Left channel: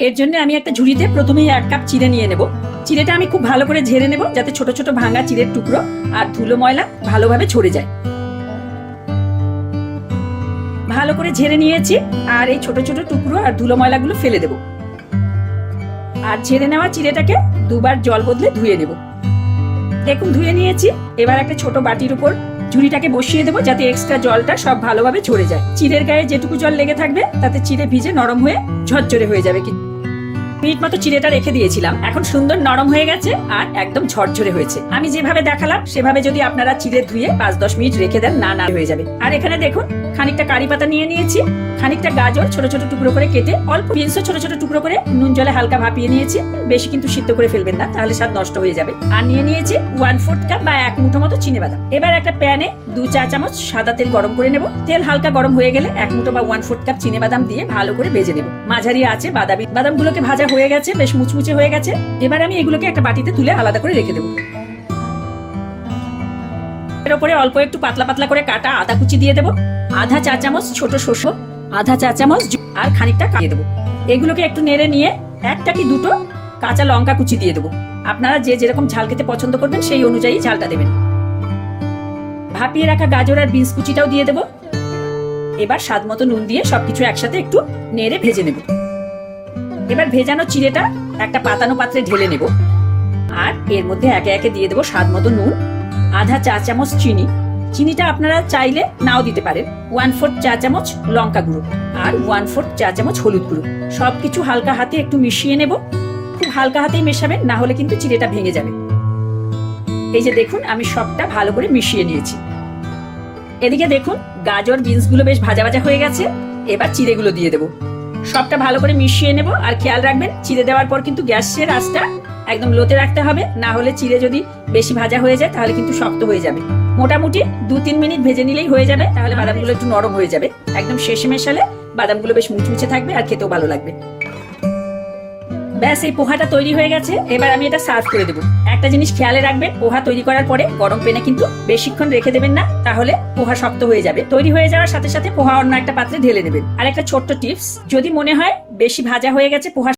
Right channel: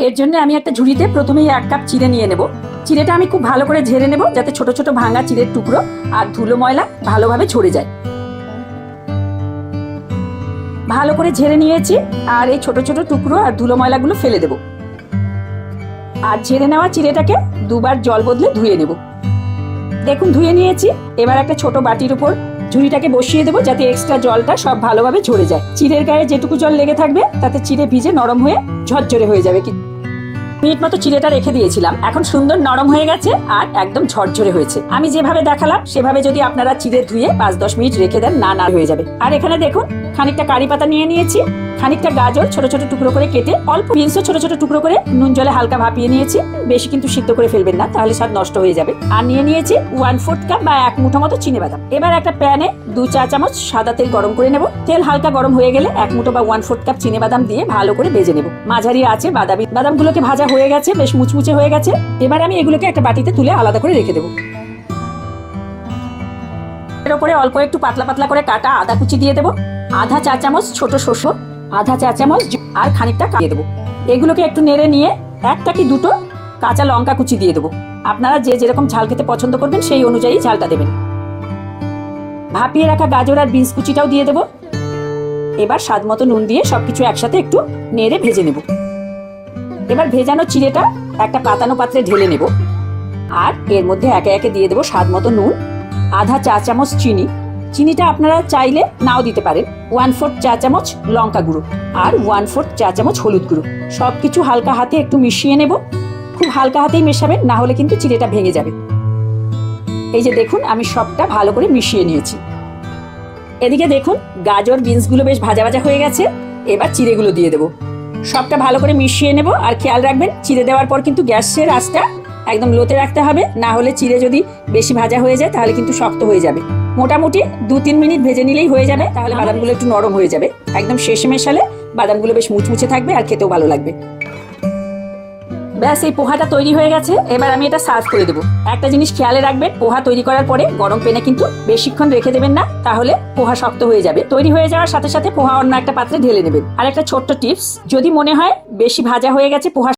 এর জন্য আমি একটা ঝুড়িতে প্রথমেই 1 কাপ চিড়ে নিয়ে নেব। চিড়েটা আমি খুব ভালো করে ঝেড়ে নেব যাতে ছোট ছোট ভাঙা চিড়ের টুকরো আর ধুলো ময়লা ভালোভাবে ঝরে যায়। ভালো করে ঝেড়ে নিয়েছি আর এই ছোট ছোট টুকরো আর ধুলো ময়লাগুলো ফেলে দেব। আর ঝেড়ে নেওয়া চিড়েটাকে দুবার জল বদলে ধুয়ে নেব। দেখুন ধুয়ে নিয়েছি। এবার একটা ছোট বাটির উপর ঝুড়িটাকে বসিয়ে দেবো যাতে এক্সট্রা জলটা সব ভালোভাবে ঝরে যায়। চিড়ের গায়ে যেটুকু জল লেগে থাকবে তাতে চিড়ে ভিজে নরম হয়ে ঝরঝরে হয়ে যাবে। মিনিট মতো চিড়েটা রেখে দিয়েছিলাম, এখন সুন্দর নরম হয়ে গেছে আর একদম ঝরঝরে হয়েছে। আমি যেভাবে দেখালাম সেভাবে যদি আপনারা চিড়ে ধুয়ে 5-10 মিনিট রেখে দেন না হয়ে যাবে। আর এখানে দেখুন খানিকটা কারি পাতা নিয়ে নিয়েছি, খানিকটা গাজর ছোট ছোট টুকরো করে কেটে, অল্প বিনসও ছোট ছোট টুকরো করে নুন জলে হালকা ভাপিয়ে নিয়েছি। বেশি কিন্তু সিদ্ধ করে ফেলবেন না, তাহলে স্বাদ নষ্ট হয়ে যাবে। আর নিয়ে নিয়েছি 1/4 কাপ বা 1 মুঠো মতো চিনেবাদাম। এবার একটা প্যানে 2 চা চামচ সাদা তেল গরম করে নেব। তেল হালকা গরম হয়ে গেলে 1 মুঠো বা 1/4 কাপ চিনেবাদাম দিয়ে ভালো করে ভেজে নেব। মাঝারি আছে বাদামগুলোকে ভাজা হয়ে গেছে, বেশ মুচমুচে হয়ে গেছে। এবার আমি এগুলোকে একটা বাটিতে তুলে আলাদা করে রেখে দেব। এর উপরে অল্প একটু পাতলা পাতলা করে কাটা আদা কুচি দিয়ে দেব, আধা চা চামচ ছোট শসা, আধা চা চামচ আর খানিকটা দিয়ে দেবো। এগুলোকে একটু নেড়ে নিয়ে 1টা কি 2টো কাঁচা লঙ্কা কুচি দিয়ে দেবো। আপনারা যে যেরকম ঝাল খেতে পছন্দ করবেন সেই অনুযায়ী ঝালটা দেবেন। ভাপিয়ে রাখা গাজর আর বিনস কুচিটাও দিয়ে দেবো। এবার স্বাদ মতো নুন দিয়ে সবকিছু একসাথে একটু নেড়ে ভেজে নেব। এবার ভেজানো চিড়েটা একটা পাতানো পাত্রে ঢেলে নেব আর এর মধ্যে একে একে দিয়ে দেবো স্বাদ মতো নুন, আধা চা চামচ চিনি। চিনিটা আপনারা চাইলে নাও দিতে পারেন। 1/4 চা চামচ লঙ্কা গুঁড়ো আর 1/4 চা চামচ হলুদ গুঁড়ো। সবকিছু হালকা হাতে একটু মিশিয়ে নেব। খুব হালকা হাতেই মেশাবেন, না হলে কিন্তু চিড়েটা ভেঙে যাবে। এই যে দেখুন আমি সবটা ভালো করে মিশিয়ে নিয়েছি। এদিকে দেখুন গাজর বিনস গুলো বেশ ভাজা ভাজা হয়ে গেছে। এবার চিড়েগুলো দিয়ে দেবো। সবটা ভালো করে মিশিয়ে নেব। আর খেয়াল রাখবেন চিড়ে দেওয়ার পর কিন্তু গ্যাসের আঁচটা একদম লোতে রাখতে হবে, না হলে চিড়ে যদি বেশি ভাজা হয়ে যায় তাহলে কিন্তু শক্ত হয়ে যাবে। মোটামুটি 2-3 মিনিট ভেজে নিলেই হয়ে যাবে, তাহলে বাদামগুলো একটু নরম হয়ে যাবে। একদম শেষে মেশালে বাদামগুলো বেশ মুচমুচে থাকবে আর খেতেও ভালো লাগবে। ব্যাস এই পোহাটা তৈরি হয়ে গেছে। এবার আমি এটা সার্ভ করে দেবো। একটা জিনিস খেয়ালে রাখবেন, পোহা তৈরি করার পরে গরম প্যানে কিন্তু বেশিক্ষণ রেখে দেবেন না, তাহলে পোহা শক্ত হয়ে যাবে। তৈরি হয়ে যাওয়ার সাথে সাথে পোহা অন্য একটা পাত্রে ঢেলে নেবেন। আর একটা ছোট্ট টিপস, যদি মনে হয় বেশি ভাজা হয়ে গেছে পোহা